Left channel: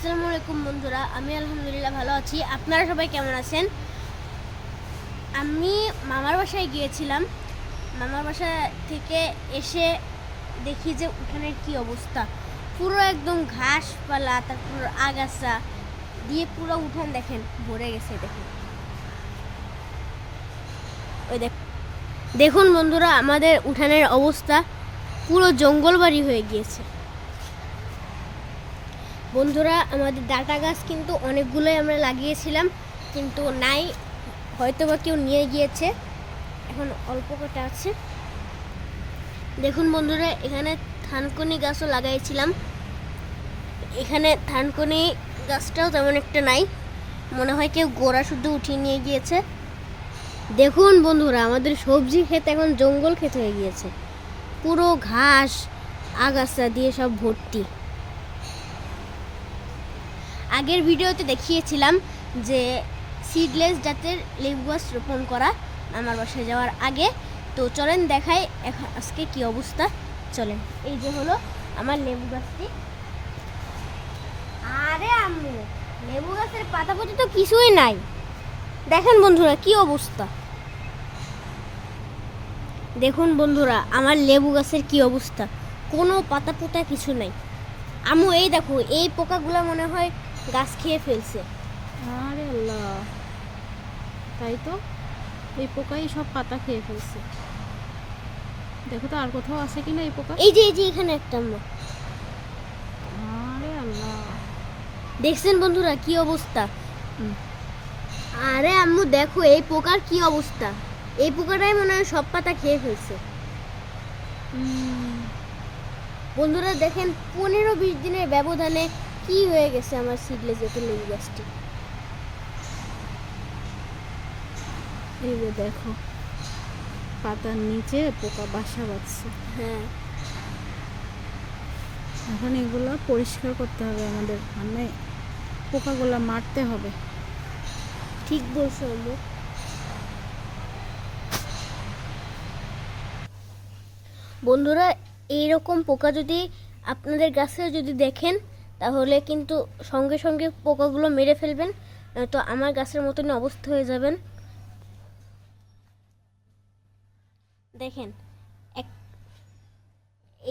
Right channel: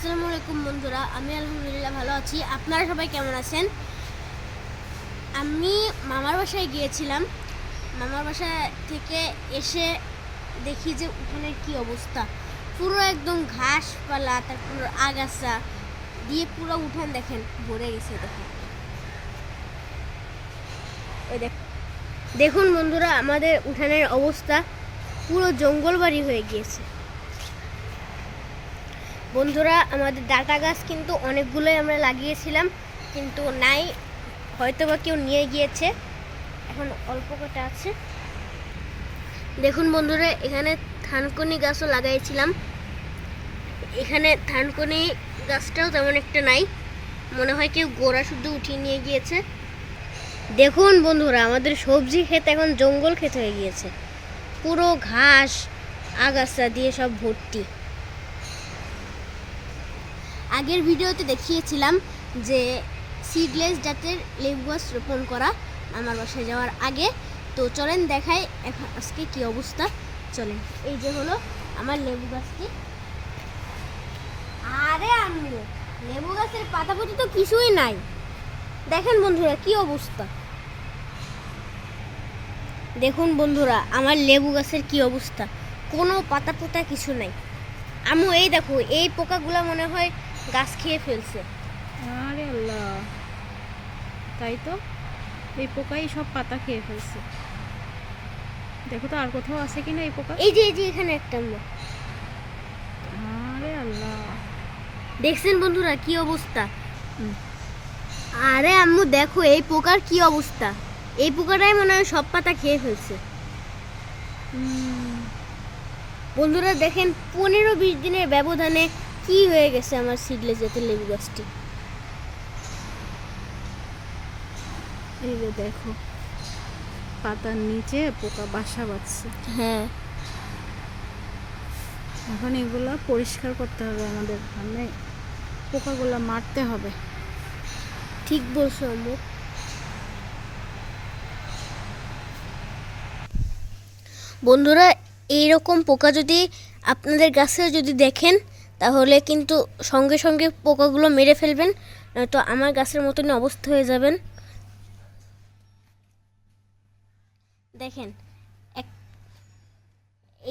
আসসালামু আলাইকুম বন্ধুরা, আমি আলহামদুলিল্লাহ ভালো আছি। আপনারা সবাই কেমন আছেন? আমি মামার বাসায় গিয়েছিলাম। মামার বাসা থেকে এসে দেখি যে উঠানের কি অবস্থা। পুরো একদম ঘাসপালা, তারপর আগাছা দিয়ে পুরো উঠান দেখেন ভরে গেছে। দেখুন বন্ধুরা, আমাদের উঠানের অবস্থা পুরো জঙ্গলবাড়ি হয়ে গিয়েছে। বন্ধুরা, আমাদের ডাটা গাছ কিন্তু অনেকগুলোই আমরা লাগিয়েছিলাম, কিন্তু নাই, হয়তো বা কেউ নিয়ে গিয়েছে। এখন অল্প কটা আছে। দেখুন বন্ধুরা, এখানে থানকুনি গাছও লাগাইছিলাম। এখানে থানকুনি গাছটাও তেমন একটা নাই, মনে হয় কেউ গোড়া শুধু উঠিয়ে নিয়ে গিয়েছে। দেখুন বন্ধুরা, আমাদের সবজি ক্ষেত এখন জঙ্গল ক্ষেত হয়ে গিয়েছে। পুরো ঘাস আগাছা দিয়ে সব ভর্তি। আগের ভিডিওতে দেখিয়েছিলাম যে সিডলেস জাতের লেবু গাছ রোপণ করা আমার বাসায় যাওয়ার আগে। তো চলেন দেখাই আজকে কি অবস্থা। চলেন, এই যে হলো আমার লেবু গাছটি। আরে আম্মু, লেবু গাছের পাতা পতি তো কিছুই নাই। দেখেন বন্ধুরা কি অবস্থা। দেখুন বন্ধুরা, আমার লেবু গাছের কি অবস্থা, কোনো পাতা পোতা কিছু নাই। আম্মু এই দেখো, এই পোকাগুলো মনে হয় গাছ খেয়ে ফেলছে। আরে আল্লাহ, তাই তো, এই পোকাই সব পাতা খেয়ে ফেলছে। দেখো তো আর কোথাও আছে কিনা এই পোকা। এই যে এখানে একটা আম্মু। আরে আল্লাহ, দেখছেন বন্ধুরা কি অবস্থা। আরে আম্মু দেখো, এই পোকার কি অবস্থা। এই পোকাটাই মনে হয় সব পাতা খেয়ে ফেলছে। বন্ধুরা দেখেন, 15-20 দিনের ব্যবধানে কি হয়ে গেছে আমার সিডলেস জাতের লেবু গাছটি। এই যে দেখো, পাতার নিচে পোকা বাসা বাঁধছে। হ্যাঁ, এখন এগুলো পরিষ্কার করতে হবে আমাদের, মানে পোকাগুলো মারতে হবে। ঠিক বলছো আম্মু। বন্ধুরা, এইরকম পোকা যদি আপনাদের গাছে যদি দেখেন, তাহলে কিন্তু সঙ্গে সঙ্গে পোকাগুলো মেরে ফেলবেন, নয়তো আমার গাছের মতনই অবস্থা হয়ে যাবেন। দেখেন,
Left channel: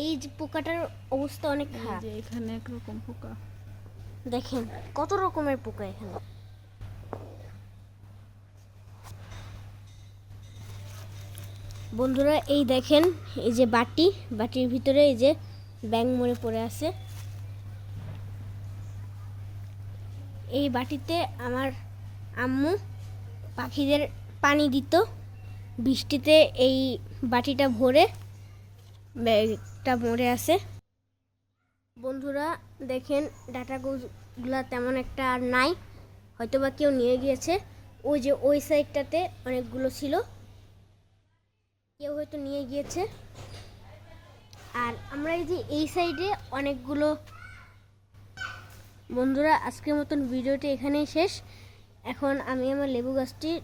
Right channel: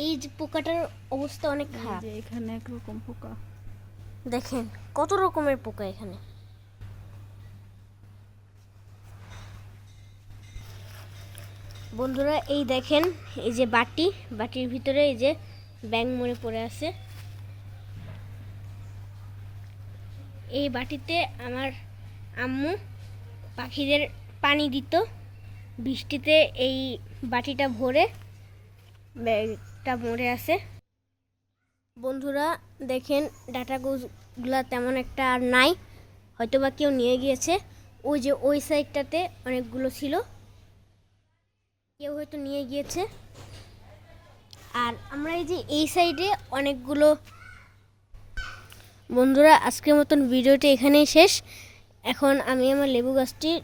এই যে পোকাটার অবস্থা অনেক খারাপ। এখানে একরকম পোকা, দেখেন কত রকমের পোকা এখানে। বন্ধুরা এই দেখেন, এই যে বাটির ভিতরে এই যে ব্যাঙ মরে পড়ে আছে। এই বাটিতে আমার আম্মু পাখিদের পানি দিত। বৃষ্টিতে এই বাটিটা ভরে ব্যাগটা মরে আছে। বন্ধুরা দেখেন, ডাটাগুলা তেমন একটা আর নাই, হয়তো বা কেউ নিয়ে গিয়েছে। ওই যে ওই সাইডটাতে অনেকগুলো ছিল, কেউ হয়তো নিয়ে গিয়েছে। আর আমরা এই যে এই সাইডে অনেকগুলো। বন্ধুরা, আজকের মতন ভিডিওটি এখানেই শেষ। এখন আমি আমার লেবু গাছটির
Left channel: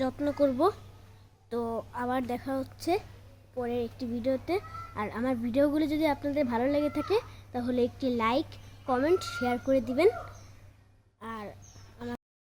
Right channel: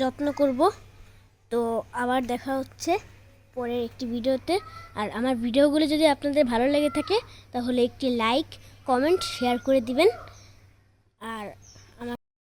যত্ন করব। তো আবার দেখা হচ্ছে পরের একটি ভিডিওতে। আর আমার ভিডিওগুলো যদি আপনাদের ভালো লেগে থাকে, তাহলে একটি লাইক, কমেন্ট, শেয়ার করে দিবেন।